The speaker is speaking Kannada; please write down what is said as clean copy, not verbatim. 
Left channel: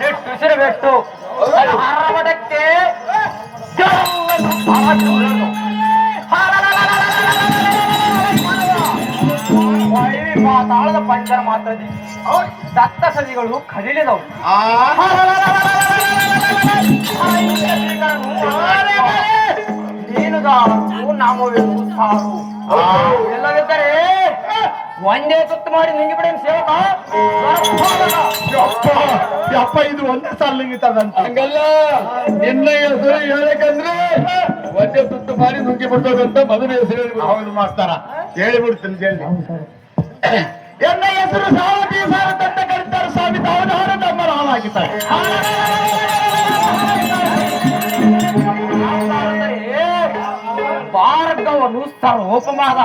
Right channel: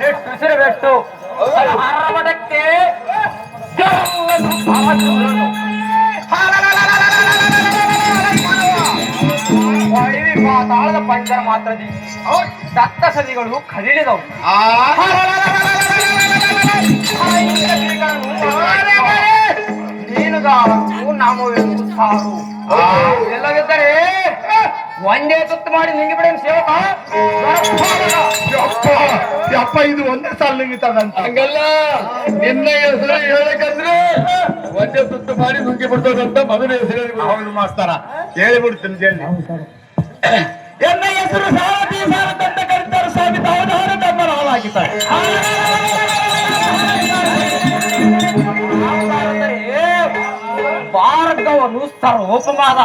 ನೆಟ್ಟುಸಿರಬೇಕು ಹರವಡಕ್ಕೆ ತಾಳದ ಪಂಚರ ಮಾತ್ರದಿ ದತ್ತ ಸದಿಗಳು ಕದಿಲಿದವು. ಮೀನುಗಾರರು ನಾಮವೆಂದು ಸಾರು ಎಲ್ಲವಿದ್ದರೆ ಒಂದೇ ತುತ್ತು ಮಾಡಿ ನುಂಗಿ ಬಿಡೇನು ಸೇವಕ. ಯಪ್ಪ ಇದು ಒಂದೇ ಸಾಲ ನುಂಗಿತದಂತ. ಹಂಗಲ್ಲ, ನಿನ್ನ ಹೆಸರು ಹೇಳಕಂದ್ರೆ ಒಂದೇ ತುತ್ತು ಮಾಡಿ ನುಂಗಿ ಬಿಡ್ತದಂತ ಮೊದಲ ಹೆಸರು ಹೇಳಿ. ಹೌದು ಮಾಸ್ತರ, ಹೇಳಿಬಿಡ್ತೀನಿ ಕೇಳಿ. ಎನ್ನ ಹೆಸರು ಸಾರಥಿ ಸಾರಥಂತ ಕರೀತಾರೆ ಸ್ವಾಮಿ. ಅವನವರ ತಮ್ಮ ರಾಮಾಗಿದ್ದಾರೆ. ಭಾರತವನ್ನು ಸರ್ವೋಪಮಾನ